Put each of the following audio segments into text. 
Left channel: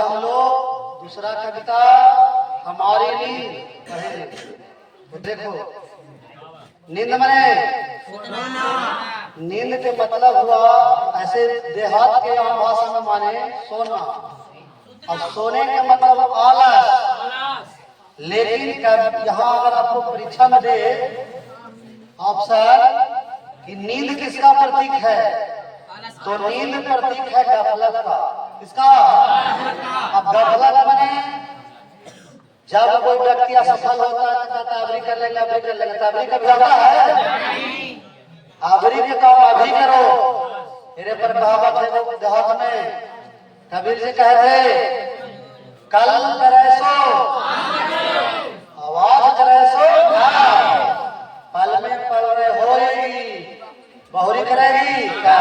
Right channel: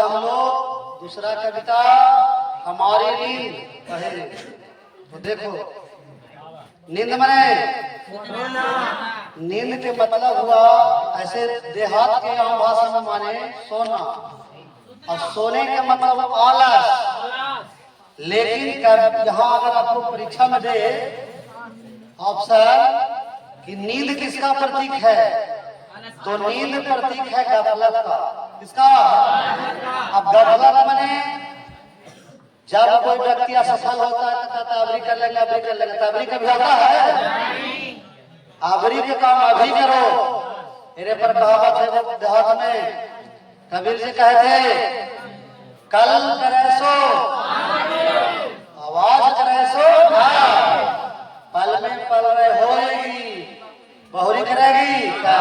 हम लोग दूसरा कविता हमारी नींद पहले तो देखो, नींद मने नींद के मतलब हुआ ऐसे देहात के आम भाषा में माने सोना, और सोने का मतलब आलस। लेकिन यहाँ अगर आपको परीक्षा में दे ऑप्शन कि नींद किसका प्रतीक है, तो नींद प्रतीक है गफलत का। किसका? अब गफलत मने जब कोई व्यक्ति असफल होता है तो कहता अबरी कर लेंगे, अबरी कर लेंगे। अबरी कभी होता है? अबरी के काम अभी करो। मेरे पर कहावत है वो देहात में, कबीर जी कहे थे कल करे सो आवाज करे सो पल में पल रहे होएगी बहुरी करेगी क्या।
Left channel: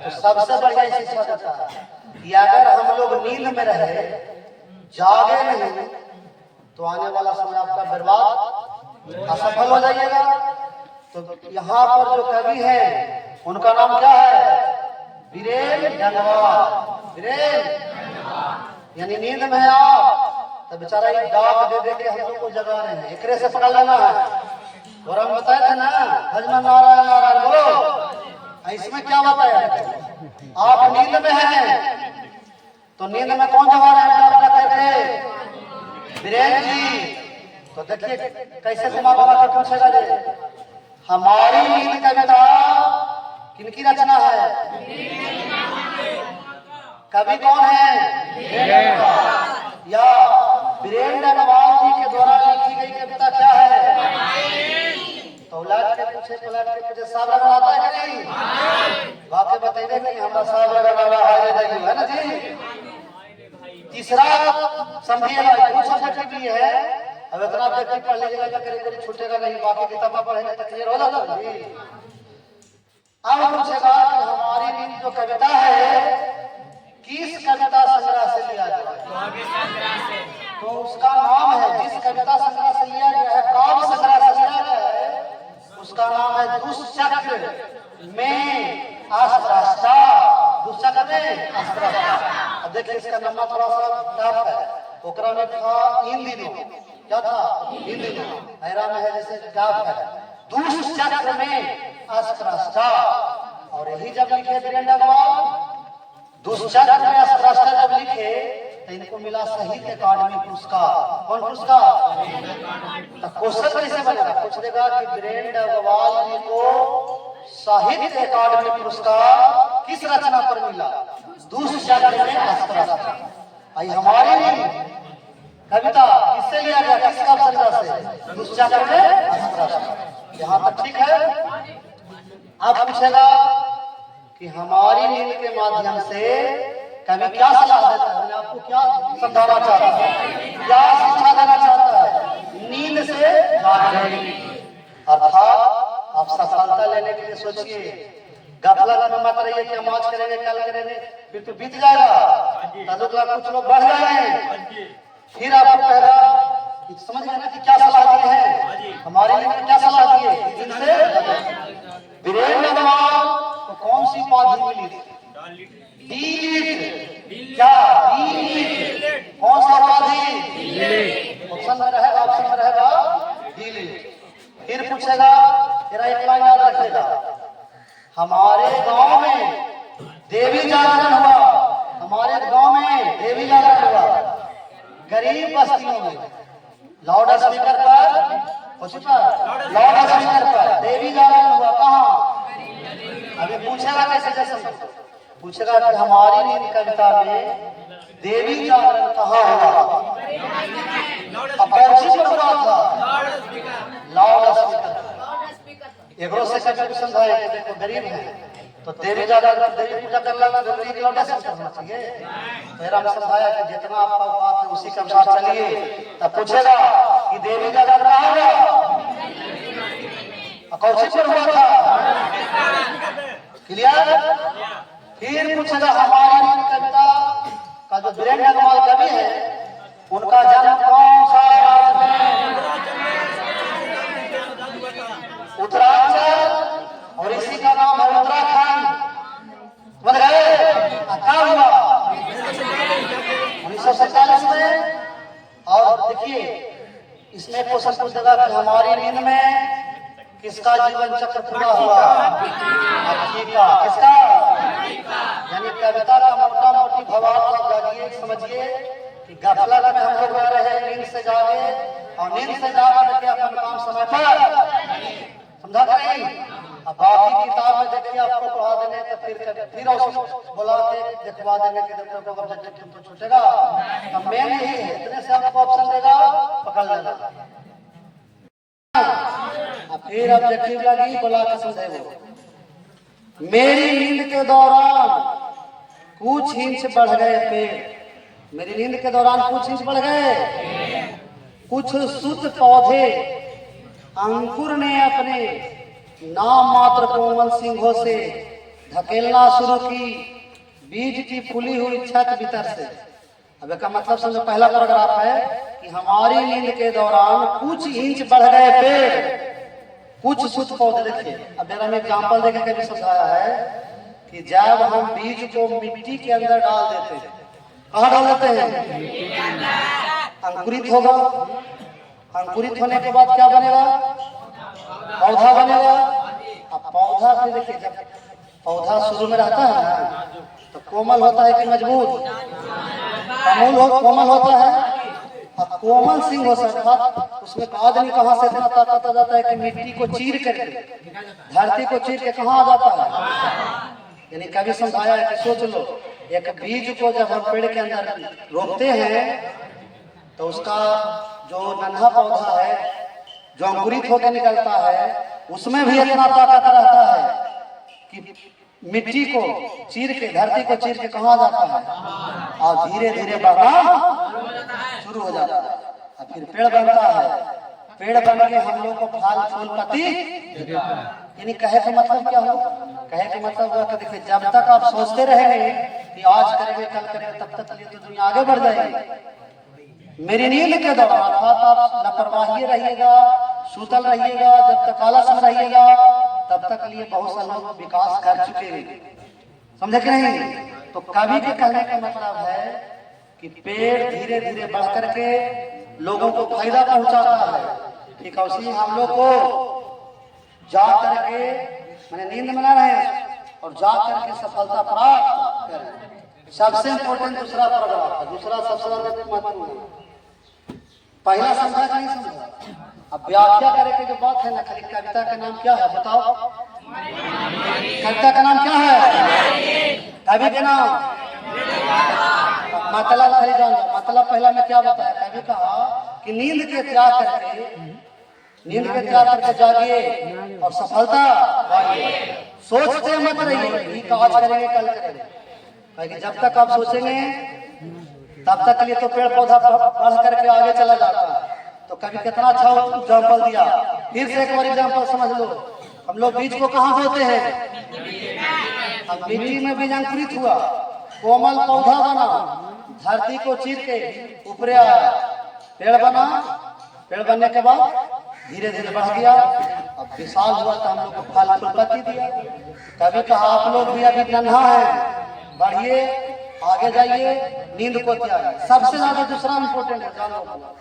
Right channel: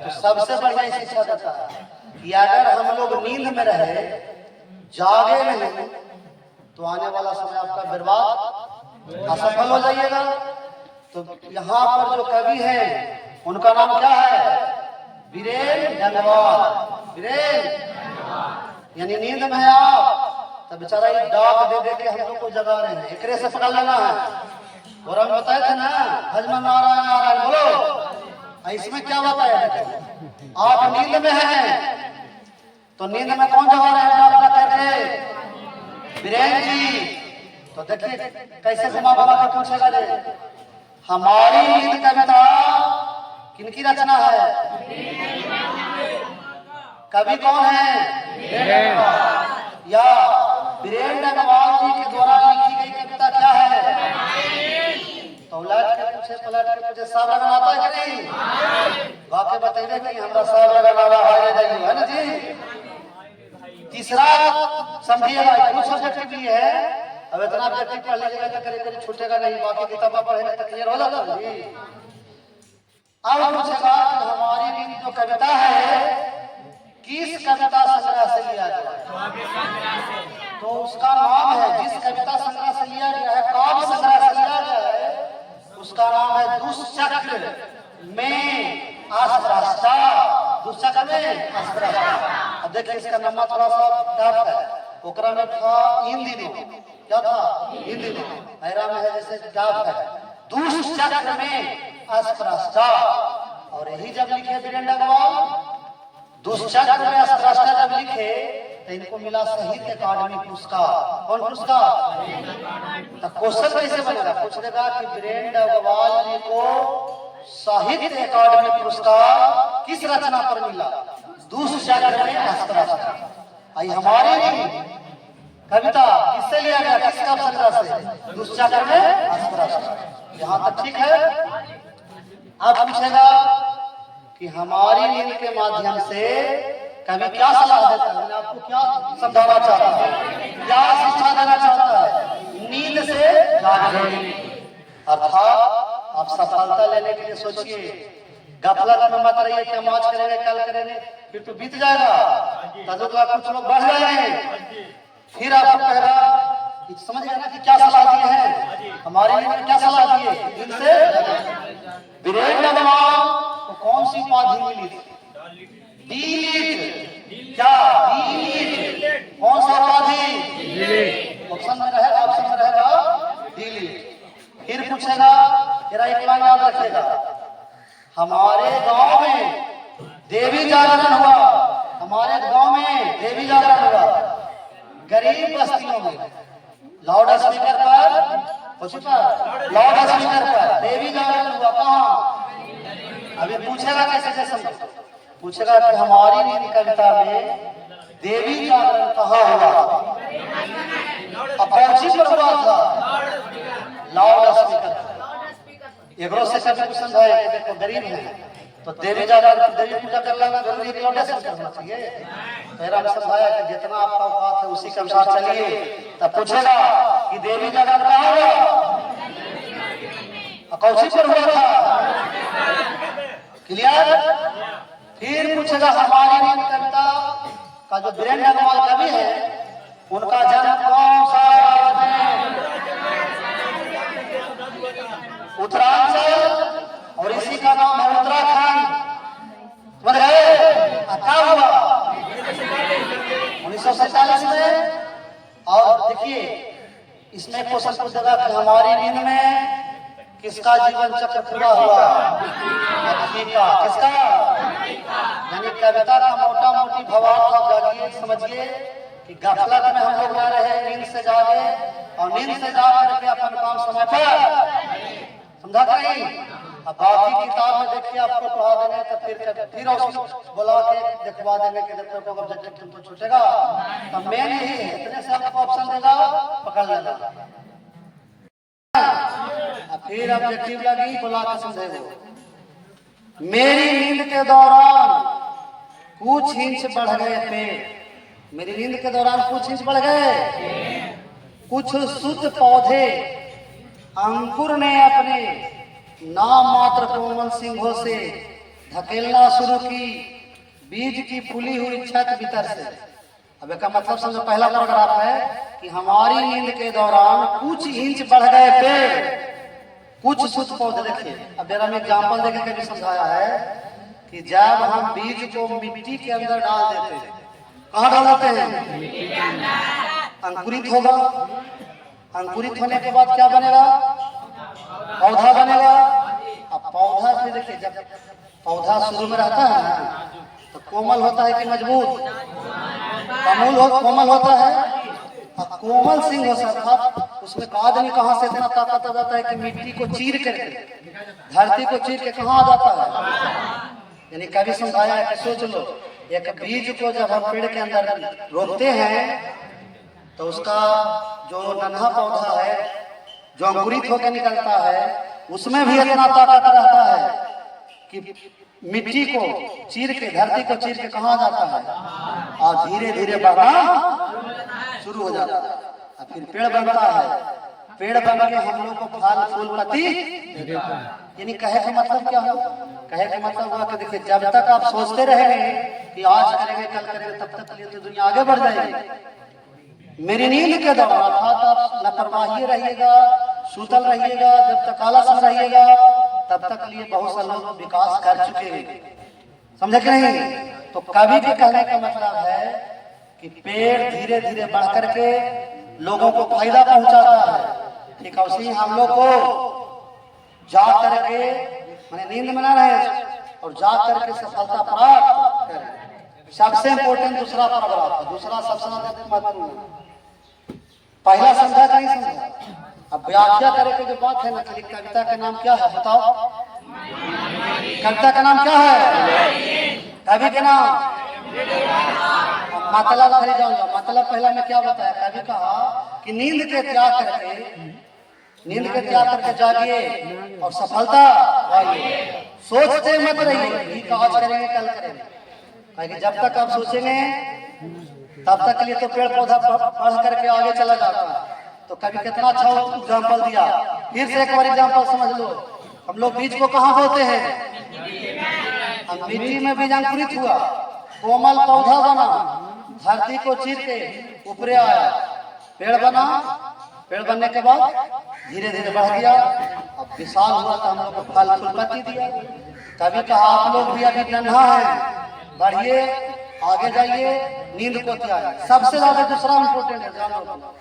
तो सबसे बढ़िया शिक्षा देता है कि अगर हम लोग नींद में रहे, जागे नहीं, तो आने वाला समय आपका बर्बाद असफल हो जाइएगा। तो यहाँ पर जो कवि हैं उनका नाम क्या है? वीरेन गंगवार। वीरेन यानी नींद में आप तो बेचारा ये डाक दे दे के हम लोग को जगा रहे हैं, एकरे से पकड़ लेना है। और हम बताए थे ना भजन नारायण नारायण बोलो, इसमें क्या बताया? आप नींद में हैं तो नींद में कौन जगा रहे हैं डाक करके? वीरेन जी। तो देखिए कैसे घुमा घुमा के पूछेगा जे हमारी नींद कविता किनकी रचना है? कवि कौन है? या वीरेंद्र नवाब जी के द्वारा लिखी गई कविता क्या है? तो उलट के पूछे पलट के पूछे साहब लगाता है कि नहीं? वाकई बताइए कि हमारा साहब लगाना है ना जी। तीसरा समझिएगा कुछ सब्जेक्ट भी है, अब इतना सब्जेक्ट पढ़ लीजिएगा तो करीब करीब छूटेगा नहीं, बाकी किताबें पढ़ेंगे तो क्लियर हो जाता है जी। अब पूछेगा कि हमारी नींद जो कविता है किस कविता संग्रह से लिया गया है? तो उसका नाम है, जिस कविता संग्रह से लिया गया है, काव्य संग्रह से लिया गया है, उसका नाम है दुष्चक्र में अस्पृष्टता। दुष्चक्र में अस्पृष्टता। अब देखिए इसका नंबर थोड़ा सा टफ है, ओकरा में था इन दिनों, क्या था? इन दिनों ऐरा में है जैसे टफ है, दुष्चक्र में अस्पृष्टता। और यही जब लिखे वीरेंद्र अग्रवाल दुष्चक्र में अस्पृष्टता जब लिखे तो इनको मिला साहित्य अकादमी पुरस्कार। कौन पुरस्कार? तो क्वेश्चन कैसे बनेगा? पूछ देगा कि वीरेंद्र अग्रवाल जी को साहित्य अकादमी पुरस्कार किस रचना पर मिला? दुष्चक्र में अस्पृष्टता। आई हमारी कविता किससे लिया गया? किसका संग्रह से? दुष्चक्र में अस्पृष्टता। यहाँ तक ठीक है। अब पूछेगा कि हमारी नींद के माध्यम से कवि क्या सलाह देता है, आपको क्या समझाना चाहता है, क्या शिक्षा देना चाहता है? नींद से जागने। अर्थात आप सफलता लेने के लिए सोचिए, गफलत में मत रहिए कि हम आज करेंगे कल करेंगे, फिर तो बीत जाएगा, कुछ लोग बढ़ जाएंगे, फिर आपको कहेगा कि समझ गया ना कि क्या सलाह दिए हैं हमारे लिए, क्या सलाह दिए? इनसे वीरेंद्र नवाब को कौन सी उपाधि मिली थी? डीलिट। क्या? डीलिट। कौन सा उपाधि? ऑप्शन में रहेगा, ऑप्शन में रहेगा डीलिट। फिर पूछेगा, तेरा एक बात याद रखिएगा, हमारे गांव में देवी जागरण हुआ, हमारे गांव में देवी जागरण हुआ, गरीब बस्तियों में लाउड स्पीकर पर लाउड स्पीकर पर देवी जागरण हुआ। कहाँ? अभी पूछेगा कैसे जैसे पूछेगा कि हमारी नींद कविता में देवी जागरण कहाँ हुआ? अब कौन पर हुआ था? Loud speaker. एक से कभी क्वेश्चन है कि देखो गरीब है तो देवी जागरण, देवी पूजा करना जरूरी है, लाउड स्पीकर करना चाहिए। मेरा ने समझाया कि जितना आपका औकात है उसी के अनुसार चलिए। तब पूछेगा कि देवी जागरण कहाँ हुआ? कौन पर हुआ था? क्लियर? फिर पूछेगा हमारी नींद कविता का जो वीरेंद्र अग्रवाल कवि है उनका जन्म कौन सा राज्य में? उत्तरांचल, और इसी का नाम है उत्तराखंड। क्या हुआ? 1947 में। और देखिए इसमें क्वेश्चन पूछ देगा कि हमारी नींद में किसका जीवन चक्र पूरा हुआ? हाथी का। किसका? यानी कविता का मोटा मोटी भावार्थ आप जागिए, समझिए कि गफलत में हम लोग रह रहे, नींद से जागे और नींद से जा करके अपन काम समय पर, समझा नहीं? अब बाकी किताब में देखिए आपको पढ़ा देने तो फिर बोला के दिखवा देने के देखो ऑब्जेक्टिव तुमको छूटेगा। तो मेन यही है, इतने से आपको ऑप्शन देगा, पकड़ लेना। फिर ऑब्जेक्टिव लगी, बोला के समझेगा। मेरी नींद के दौरान कुछ इंच बढ़ गए पेड़। मेरी नींद के दौरान कुछ इंच बढ़ गए। कुछ शुद्ध पौधे अंकुर ने अपने नाम मात्र कोमल सिंहों से धकेलना शुरू की, बीज की फूली हुई छत भीतर से। अब इसका मतलब समझो, पहला पैराग्राफ है कि हमारी नींद के दौरान कुछ इंच बढ़ गए पेड़, कुछ शुद्ध पौधे। देखिए अब मेरा मैं एग्जाम्पल देकर कभी समझाया है कि जब हम बीज को मिट्टी के अंदर डाल देते हैं, कहाँ डाल देते हैं? अंकुरित होगा। अंकुरित होने के बाद क्या बनेगा? पौधा बनेगा। अब पौधा फिर देखिए, जब पौधा शुरू में रहता है ना तो कोमल होता है कि मजबूत? कोमल होता है। अब कोमल सिंह हो सकता, उसमें आदमी कहाँ से इतना ताकत आ जाता है कि मिट्टी को चीर करके, धरती को चीर के कहाँ आ जाता है? यानी कभी समझाया है कि सोच लो, एक बीज को जब हम पेड़ के अंदर रोपते हैं तो उसका जो नन्हा पौधा है जो अंकुरित होकर निकलता है, उसमें भी इतना ताकत रहता है कि मिट्टी को चीर के, धरती को चीर के कहाँ जाता है और धीरे धीरे बढ़ना शुरू हो जाता है। और फिर पेड़ बनता है। पेड़ बन के हम लोग को फल फूल पत्ती देता है। यानी कहे का मतलब क्या हो? कहे का मतलब हुआ कि देखिए, जब तक आप सोचते रहेंगे कि आज करेंगे कल करेंगे, तब तक लिए तो दुनिया आगे बढ़ जाएगी। मेरी नींद के दौरान अर्थात आप लापरवाही रहिएगा, सूतल रहिएगा, जब तक आलस में रहिएगा, तब तक लिए बहुत से लोग विकास कर चुके हैं। समझे कि नहीं? तो कवि के कहने का मतलब है कि पेड़ धीरे धीरे बढ़ करके लोगों को फायदा पहुंचाता है। ठीक है, उसी हम लोग को जा करके मैंने नींद में ना रहे और जा करके सफलता प्राप्त करें। सबसे इम्पोर्टेंट दूसरा पैराग्राफ है, दूसरा सबसे महत्वपूर्ण। पहला समझा कि नहीं समझा? अब व्याख्या करे के जो बात है ना, खाली कविता का नाम क्या है बताओ? कविता का नाम क्या है? कवि के नाम मतलब खाली जान लो। मतलब पहला में क्या बताया? कवि कहा कि नींद के त्याग करके जागिए और सफलता पाइए। सोचते मत रहिए कि आज करेंगे कल करेंगे। जब तक आप सोचेंगे तब तक के लिए तो पेड़ पौधा बढ़ करके आगे चला जाता है। तो कभी कितना अच्छा एग्जाम्पल दिया। फिर से एक बार एग्जाम्पल समझ लो। हम लोग बीज को कहाँ बोते हैं? हम मिट्टी में बीज अंकुरित हुआ, कोमल पौधा बना, धरती को चीर के ऊपर आया, पेड़ बना। पेड़ बनने के बाद धीरे धीरे बढ़ गया, अब विशाल हुआ तो हम लोग को फल फूल पत्ती दिया। कभी कहा आप लोग भी अभी नन्हा है, बढ़िए आगे जाइए, नींद को त्यागिए। सबसे ज्यादा दूसरा इम्पोर्टेंट है, जानो,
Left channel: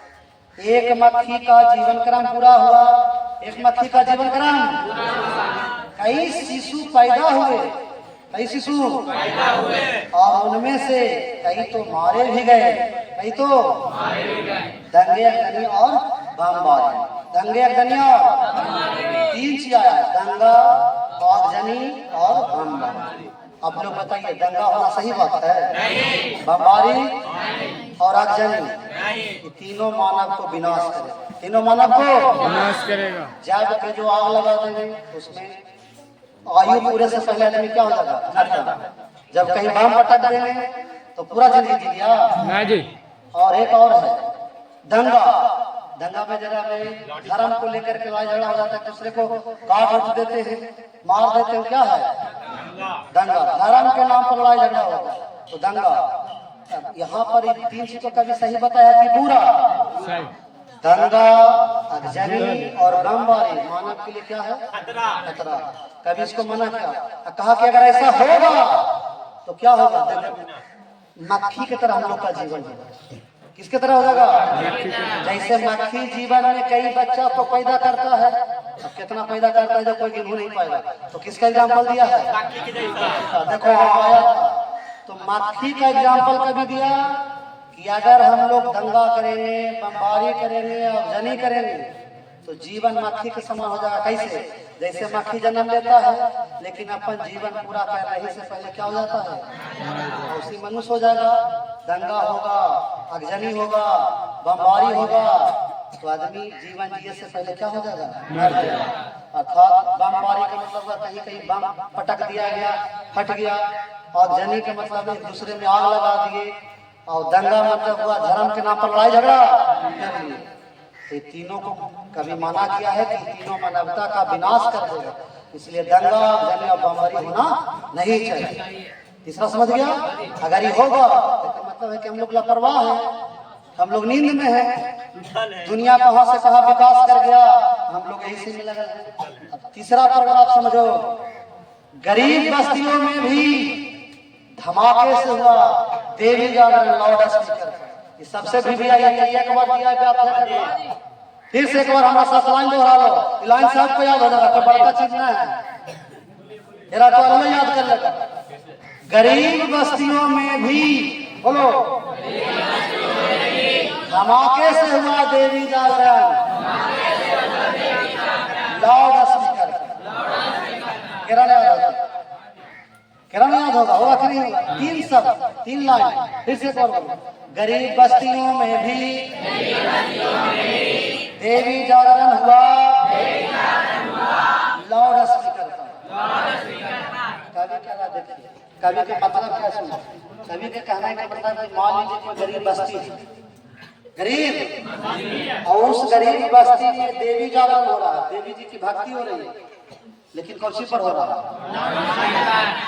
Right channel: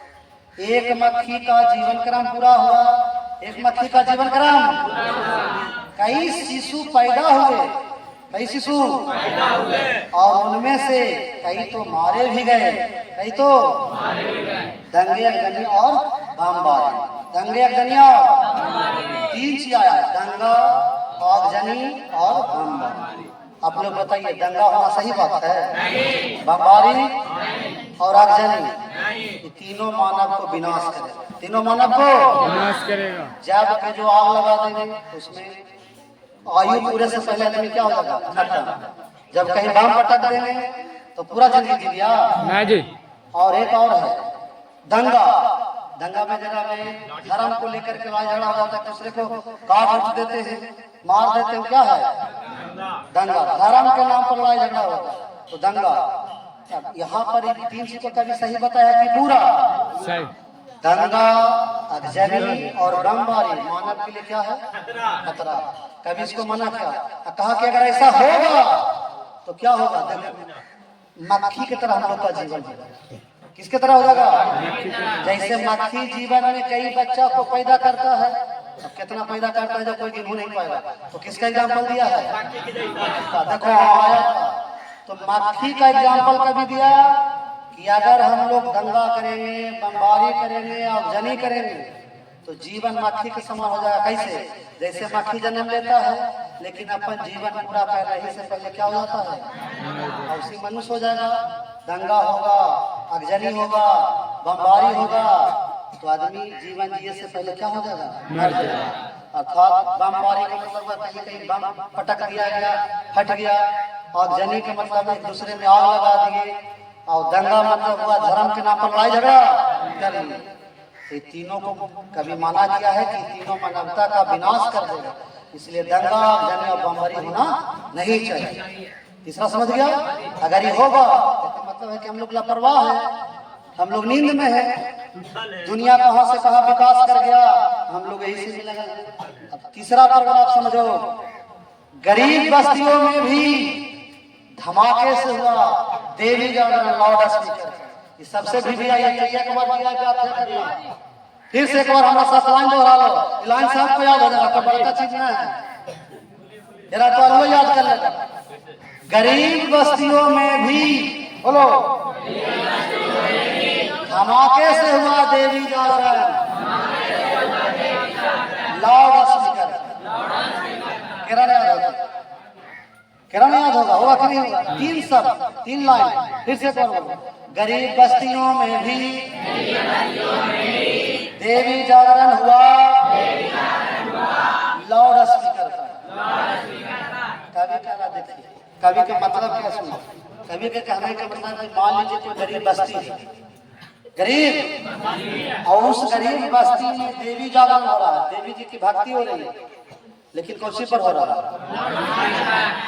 एक मक्खी का जीवन क्रम पूरा हुआ। एक मक्खी का जीवन क्रम, कई शिशु पैदा हुए, कई शिशु और उनमें से कई तो मारे भी गए, कई तो दंगे अगनी और बमबारी। दंगे अगनिया तीन चीज आया, दंगा, आगजनी और बमबारी। आप लोग बताइए, दंगा होना सही बात है? बमबारी और आगजनी, ये तीनों मानव को विनाश करेगा। तीनों मानव को विनाश करेगा। जब के जो आग लगा देंगे उसमें आयु पूरे से पहले आदमी क्या हो जाएगा? खत्म। जब कहीं बम पटक देंगे तो पूरा जिंदगी जी लिया ना जी। और एक और है दंगा। दंगा में जरा धर्म को लेकर के लड़ाई झगड़ा हो जाता है, दूसरे को काट उठ देते हैं, मार देते हैं। क्या है? दंगा। धर्म के नाम पर लड़ाई झगड़ा होता है तो दंगा। यहाँ पर तीन चीजों का भी सही बताया कि पूरा दंगा, आगजनी और बमबारी मानव के लिए क्या है? खतरा। कभी इसको मना किया, कहा कि अगर ऐसा होगा तो क्या होगा? मक्खी की तरह हम लोग का जीवन होगा। किसके तरह हो जाएगा? जैसे मक्खी जीवन में कई बच्चा को पैदा करता है, अब कितना पैदा करता है जो कोई गिनू नहीं पाएगा, तो किसका एग्जाम्पल दिया है? देखो आया था, तो मक्खी का एग्जाम्पल कभी दिया कि अगर हम लोग दंगा करेंगे, बमबारी करेंगे और जनी करेंगे तो जीवन मक्खी के समान हो जाएगा। कैसे? जैसे मक्खी जन्म लेता है लेकिन अपन जीवन पूरा पैदा से पहले क्या हो जाता है? और उसी मनुष्य हो जाएगा। दंगा होगा, अगजनी होगा, बमबारी होगा तो आदमी जीवन जिए से पहले क्या हो जाएगा? मर जाएगा। अर्थात बमबारी का मतलब कहीं कहीं बम पटक दिया गया, फट गया, और जनी का मतलब एक दूसरे में आग लगा दिए, और दंगा मतलब हुआ धर्म के नाम पर लड़ाई झगड़ा कर लिए। ये तीनों को कभी माना गया है कि तीनों मानवता का विनाश कर देगा, इसलिए दंगा जंग और बमबारी होना नहीं चाहिए। तीसरा समझ गया? अगर ये होगा तो मतलब है कि हम लोग लापरवाह है, हम लोग नींद में है, दुनिया कहां से कहां विकास कर गया, हम लोग यही से मिला है। अब तीसरा पैराग्राफ समझो, गरीब बस्तियों में भी धमाके से हुआ देवी जागरण लाउड स्पीकर। ये सबसे भी आई चाहिए, एक बार दिया व्याख्या करिए, फिर से एक बार हमारा साथ लाइन दोहरा लो, लाइन साहब को याद हो जाएगा, कोई बड़का चीज ना है, जरा तो अलग याद कर लेगा। गरीब बस्तियों में भी, बोलो, धमाके से हुआ देवी जागरण लाउड स्पीकर। किरण याद होगा, होगा कि नहीं होगा? तीन सब, तीन लाइन फिर से बोलो, गरीब बस्तियों में भी देवी जागरण हुआ लाउड स्पीकर का। कवि कह रहा, देखिए कवि का मतलब क्या सुना? कवि के कहने का मतलब कि मान लीजिए कोई गरीब बस्ती है, गरीब, और उस गरीब बस्ती में देवी जागरण हो रहा है, देवी जी की भक्ति हो रही है, लेकिन कौशी पर हो रहा है?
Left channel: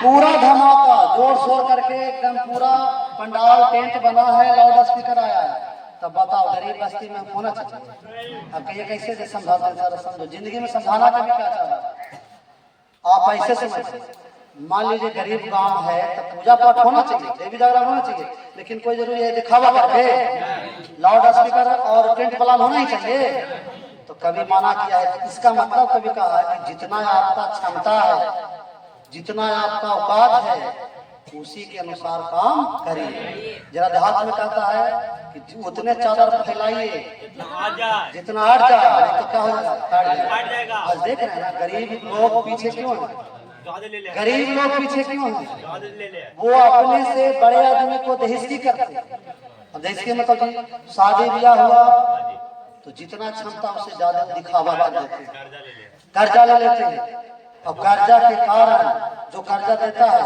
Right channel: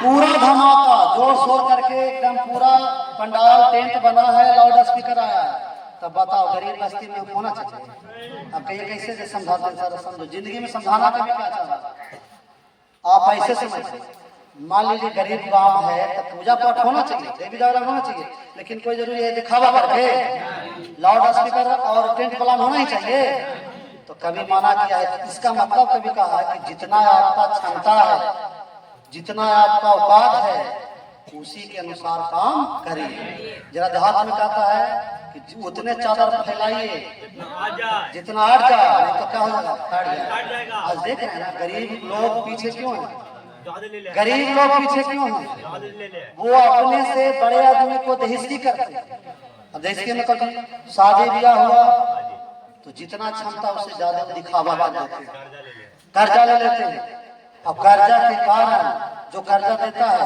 पूरा धमाका जोर शोर करके एकदम पूरा पंडाल टेंट बना है, लाउड स्पीकर आया है, तब बताओ गरीब बस्ती में होना चाहिए? अब कहिए कैसे से समझाते हैं? सर समझो, जिंदगी में समझाना कभी क्या चाह रहा आप ऐसे समझिए, मान लीजिए गरीब गांव है तो पूजा पाठ होना चाहिए, देवी जागरण होना चाहिए, लेकिन कोई जरूरी है दिखावा करके लाउड स्पीकर और टेंट प्लान होना ही चाहिए? तो कभी माना किया है, इसका मतलब कभी कहा है कि जितना आपका क्षमता है, जितना आपका औकात है, उसी के अनुसार काम करिए। जरा देहात में कहता है कि उतने चादर फैलाइए जितना हट जाए, नहीं तो क्या हो जाएगा? हट जाएगा। आज देख रहे हैं ना गरीब लोग पीछे क्यों हैं? गरीब लोग पीछे क्यों हैं? वो अपने से बड़े आदमी को दहेज़ी करते हैं। अब दहेज़ी में कभी शादी ब्याह हुआ तो जितना क्षमता उससे ज्यादा दिखावा कर देते हैं, कर्जा ले लेते हैं, और कर्जा के कारण जो कर्जा देता है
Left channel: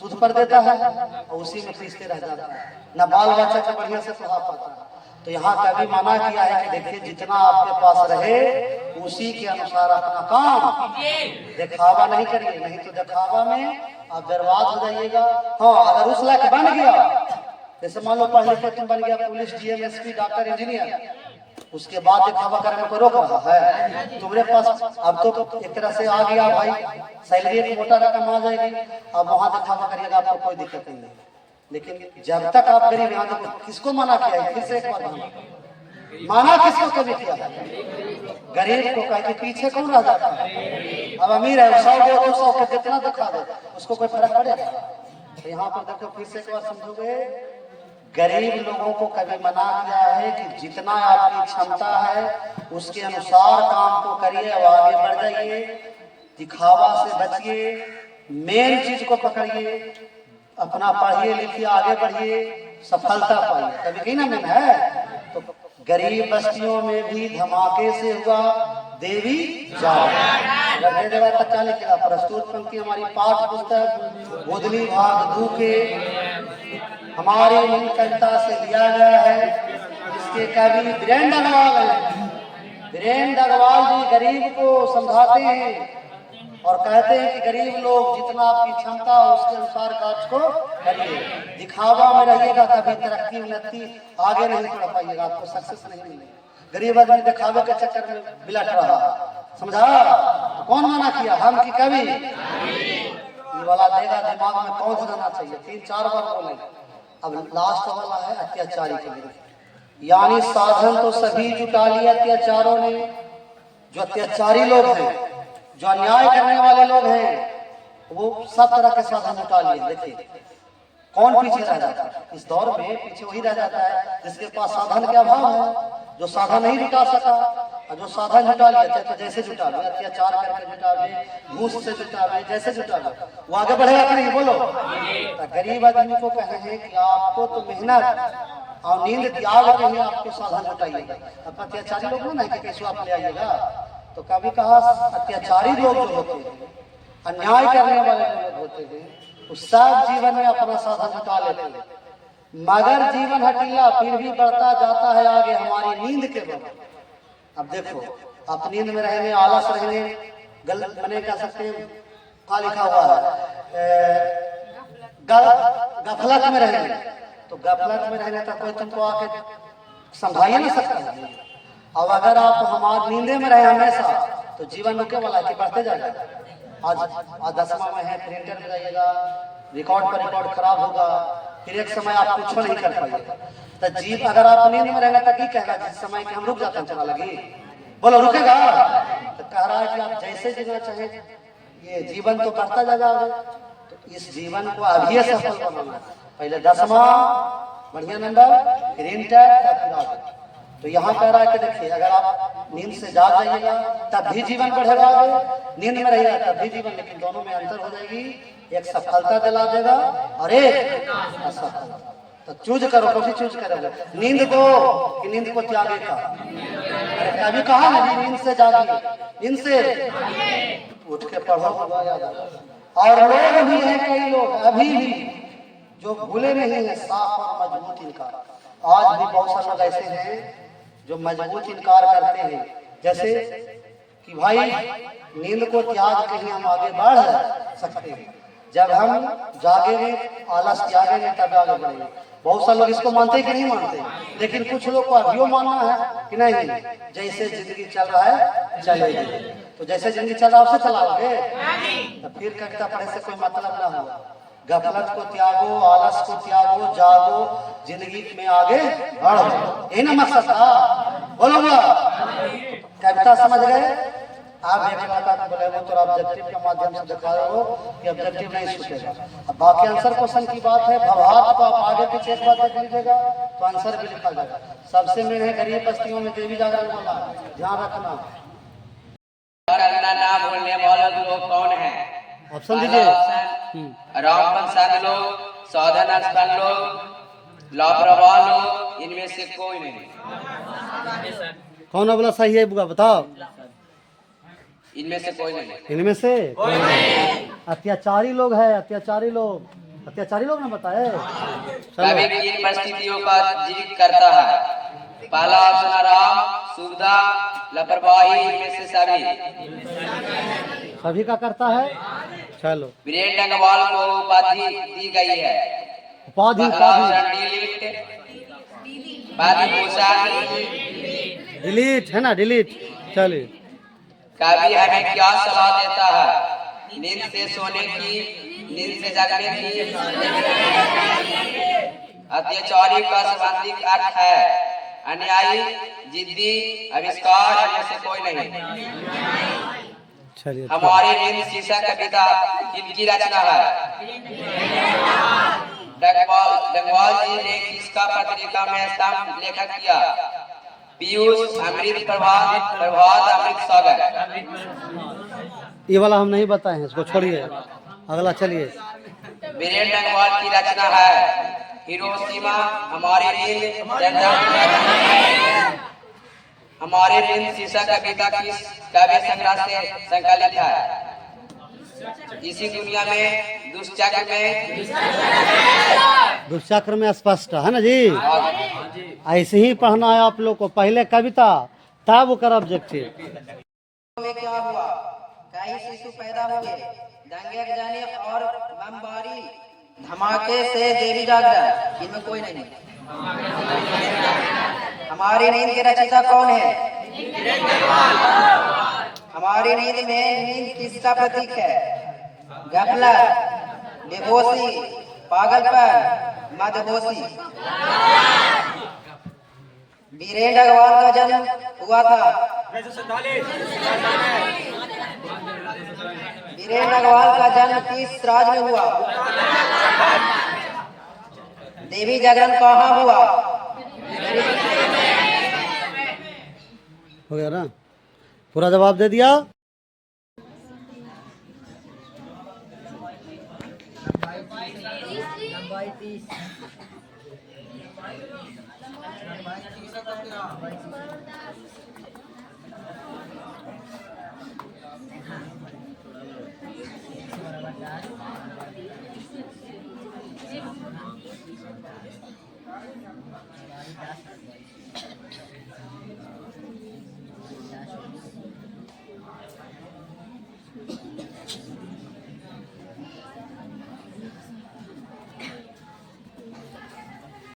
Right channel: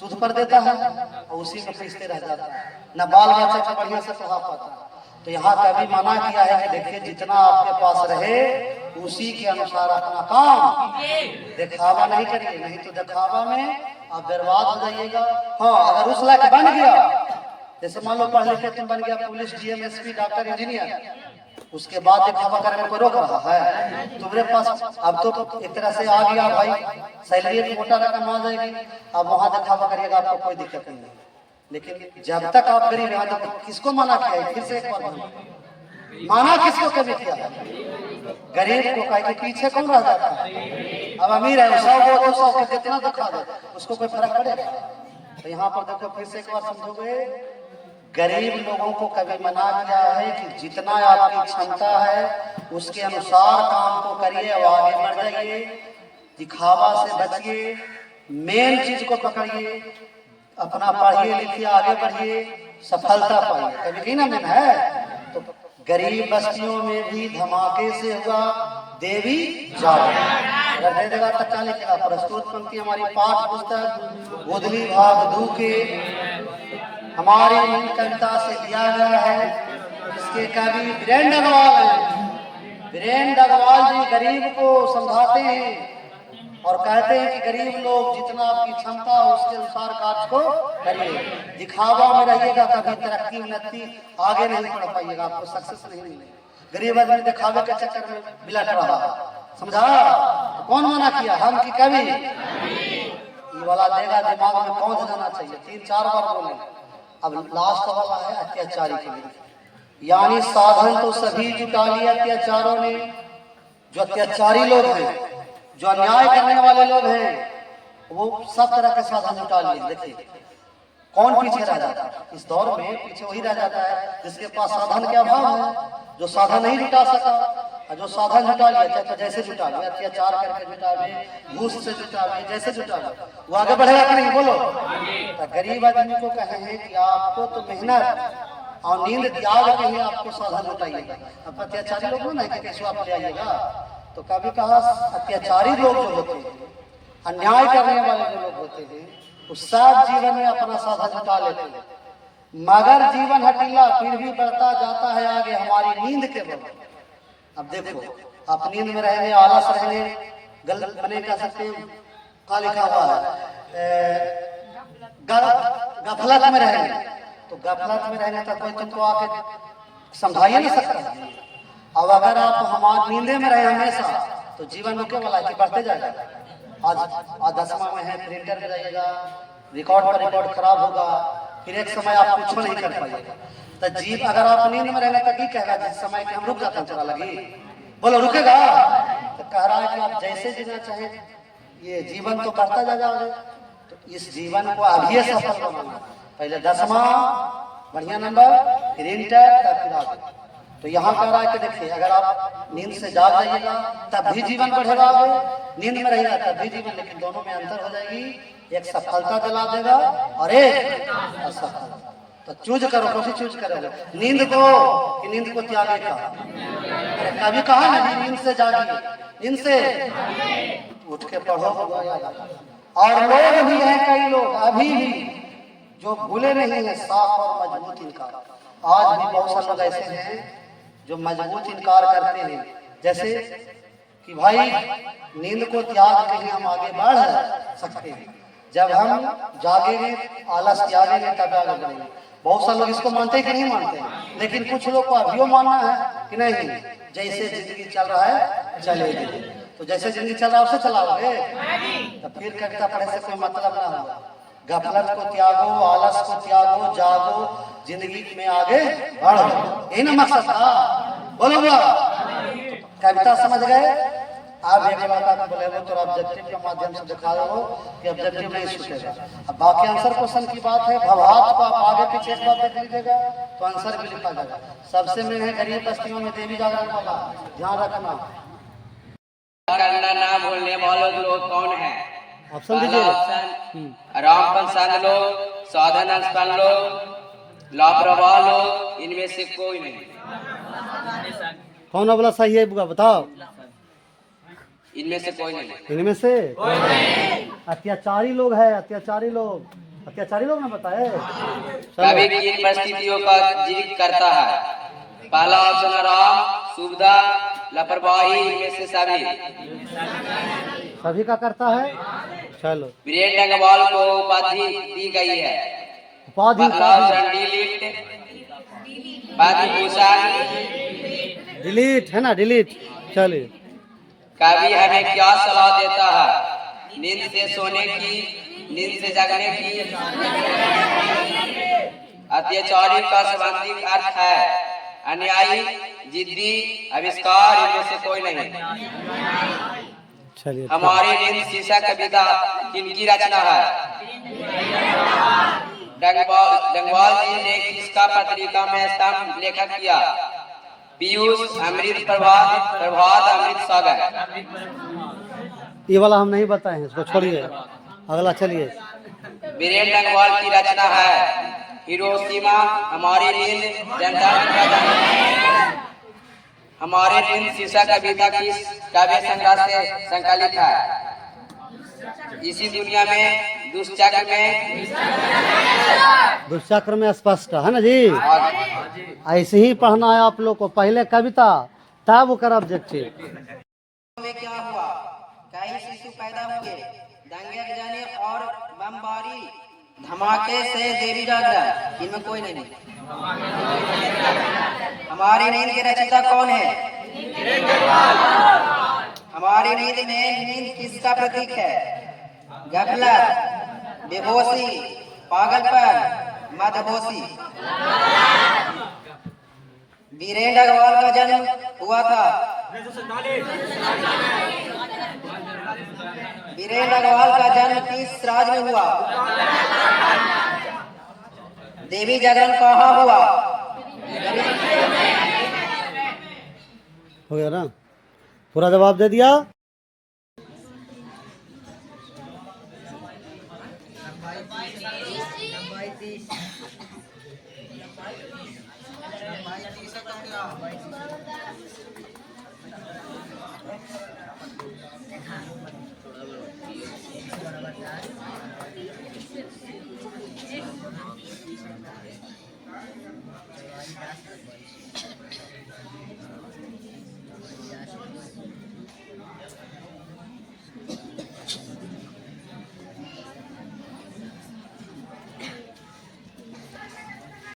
सूद पर देता है और उसी में फंसते रह जाता है, न बाल बच्चा को बढ़िया से पढ़ा पाता। तो यहाँ कभी मना किया है कि देखिए जितना आपके पास रहे उसी के अनुसार अपना काम, दिखावा नहीं करिए, नहीं तो दिखावा में आप बर्बाद हो जाइएगा। हाँ, अगर उस लायक बन गया, जैसे मान लो पढ़ लिखे तुम बन गया police, DM, SP, doctor, engineer, उसके बाद दिखावा करने में कोई रोक रहा है? तुम्हारे पास अब तो एक तरह से आ गया भाई, सैलरी मोटा रकम आ जाएगी, अब वहां दिखावा करिएगा, आपको कोई दिक्कत नहीं। लेकिन जब तक आप गरीब, यहाँ तक किसको मना किया है? फिर से एक बार माना किसको कभी किया है? गरीब को कह के पीछे कौन रह जाता है? अब अमीर है 100-200 के जितना दिखा दे उसको कोई फर्क पड़ेगा? तो यहाँ पर देखो फिर से एक बार समझोगे, गरीब लोगों को कभी मना किया है कि जितना आपकी क्षमता है उसके अनुसार काम को करिए और आगे बढ़ जाइए, दिखावा से बचिए, मेन चीज को पकड़िए, अपना पढ़िए लिखिए, आगे बढ़िए, सफलता पाइए। कभी कहीं ना मिला है? तो गरीब बस्तियों में भी धमाके से हुआ देवी जागरण। अगर दे देगा तो क्या लिखेगा? प्रस्तुत पंक्ति हमारी पाठ्य पुस्तक गोधनी भाग 2 के हमारी मूल कविता से लिया गया है। इसके कवि वीरेंद्र अग्रवाल हैं। वीरेंद्र अग्रवाल जी गरीब को समझाते हैं और कहते हैं कि गरीब लोग जितना आपकी क्षमता हो उसके अनुसार कार्य को करिए, दिखावा में रहिएगा कभी तरक्की उन्नति आगे नहीं बढ़ पाइएगा, आपको सक्सेस नहीं मिलेगा। गरीब आदमी दिखावे के चक्कर में बिलट रहा, समझा? तो कौन मना किया? हम की कवि? ये वाला देगा दिमाग में कौन जाना चाहिए? 3-4 बार बोले। अब लास्ट वाला है अत्याचारी के लिए, यानी साधन तो सभी जुटा लिए अत्याचारों ने। जो अत्याचारी लोग हैं, जो अन्याय करने वाले लोग हैं, वो सब तरह के साधन जुटा लिए। देखिए कौन पीछे रह जाता है इस दौर में? पीछे वही रह जाता है जिसके पास साधन के अभाव है, जो साधन नहीं जुटा सका। और जो साधन जुटा लिया, चाहे तो जैसे जुटा ले, अत्याचार करके जुटा ले, घूस से जुटा ले, जैसे जुटा ले, वो आगे बढ़ेगा कि नहीं? बोलो। तो गरीब आदमी को कहे हैं कि आपको तो मेहनत और नींद त्याग के ही आपको साधन जुटाइएगा। अब अत्याचारी लोग नहीं कि कैसे आप ले आइएगा। तो कभी कहा अत्याचारी लोग जो होते हैं, अन्याय करने वाले जो लोग होते हैं, वो सब जीवन में अपना साधन जुटा लेते हैं, मगर जीवन हटीला फिर भी बढ़ता जाता है आगे हमारी नींद के वक्त। अब देखो, आप नींद में रहेंगे, आलस रहेंगे, गलत बने कह सकते हैं, कहाँ लिखा हुआ है, गफलत में रहेंगे। तो गफलत में रहेंगे तो कोई तुमको आके समझा ही नहीं सकता। अब अगर आप हमारे नींदे में रहे हमेशा, तो जीवन रुके वाला है, बढ़ते जाएगा। आज 10वां में है, प्रिंटर में जाइएगा, रिकॉर्ड पर रिकॉर्ड खराब होगा, फिर एक समय आप कुछ नहीं कर पाइएगा। तो जीव अगर आप नींद में रहेंगे तो की कहेगा जिस समय के हम रुक जाते हैं चला लगी, बोलो रुकेगा? तो कह रहा है कि आप जैसे जीना चाहे, ये जीवन तो बढ़ता जाएगा। तो इस जीवन को अभी सफल बनाना, पहले 10वां बढ़िया नंबर, फिर इंटर, फिर आगे। तो यहाँ कह रहा है कि देखिए, अगर आप नींद से जाग जाइएगा तब भी जीवन बढ़ेगा आगे, नींद में रहेगा तब भी जीवन, लेकिन दोनों में अंतर हो जाएगी। एक सफलता दिला देगा और एक असफलता। तो चूज करो, कौन सी चूज करोगे? नींद को कि नींद को त्यागे का? अरे कभी कहा ना नींद से जागिए, नींद से उठ के पढ़ो, होगा याद। और लोग भी हैं, कई लोग अभी भी जो भूले नहीं है साफ और मजबूत इनकार। आज भी बहुत सारे लोग ऐसे हैं जो मजबूत इनकार करते हैं, जैसे कि भाई नींद को त्याग के ही हम आगे बढ़ सकते हैं। जब हम जागेंगे, आलस त्यागेंगे, तब आगे बढ़ेंगे। बहुत सारे लोग इसको मानते कि नहीं मानते, लेकिन कुछ लोग को अभी मानना है कि नहीं, जैसे जिंदगी चल रहा है चलेगी। तो जैसे जिंदगी चल रहा है उसे चलाओगे, तो फिर कविता पढ़े से कोई मतलब ना होगा। गफलत को त्यागो, आलस को त्यागो, जागो, जिंदगी में आगे बढ़ो, यही ना मकसद था। बोलो कविता समझ गए? आप एक बात बोले तो ऑब्जेक्टिव के माध्यम से दिखा रहे हो कि ऑब्जेक्टिव नहीं छूटेगा। अब बाकी आंसर क्वेश्चन की बात है, भवार्थ को आप आगे पीछे एक बार देख लीजिएगा तो आंसर भी लिखा जाएगा। सबसे मेन है गरीब बस्तियों में देवी जागरण वाला, ध्यान रखना। करना ना भूलने वाले लोग कौन है? ऑप्शन दीजिए। रामपन संत लोग, साधन संपन्न लोग, लापरवाह लोग, इनमें से कोई नहीं। कौन बोला सही है बुआ बताओ? इनमें से कोई नहीं। इनमें से कोई नहीं। अत्याचारी लोग है, अत्याचारी लोग, अत्याचारी लोग ना बताए। कभी किन परिस्थितियों का जीवित करता है? पहला ऑप्शन राम, सुविधा, लापरवाही, इनमें से सभी का करता है। चलो, वीरेंद्र डंगवाल को उपाधि दी गई है। उपाधि डिलीट है ना, डिलीट। चलिए, कवि हमें क्या सलाह देता है? नींद से सोने की, नींद से जागने की। अत्याचारी का संबंधित अर्थ है अन्यायी, जिद्दी, आविष्कार, इनमें से कोई नहीं। चलिए, हमारी नींद शीशा कविता किनकी रचना है? डंगवाल जी ने किसका पत्रिका में स्तंभ लेखन किया? पीयूष, अमृत प्रभात, अमृत सागर। ये वाला हम नहीं बताए हैं, इसको छोड़िए, अगला चलिए। वीरेंद्र डंगवाल की रचना है हिरोशिमा, हमारी नींद, हमारी नींद शीशा कविता की काव्य संग्रह से संकलित है। इसी दुनिया में दुष्चक्र में स्पष्ट है ना जी। ऐसे ही पढ़ना है आप लोग को, पहले कविता तब वो कर ऑब्जेक्टिव। में क्या हुआ? कई शिशु पैदा हुए, दंगे जाने और बमबारी धमाके से देवी जागरण, इनमें कोई नहीं। हमारी नींद के रचयिता कौन है? हमारी नींद में नींद किसका प्रतीक है? गफलत, बेहोशी, पागलपन, मदहोशी। वीरेंद्र अग्रवाल का जन्म हुआ था। वीरेंद्र अग्रवाल का जन्म किस राज्य में हुआ? देवी जागरण कहाँ हुआ? हो गया ना? पूरा जवाब दे दिया।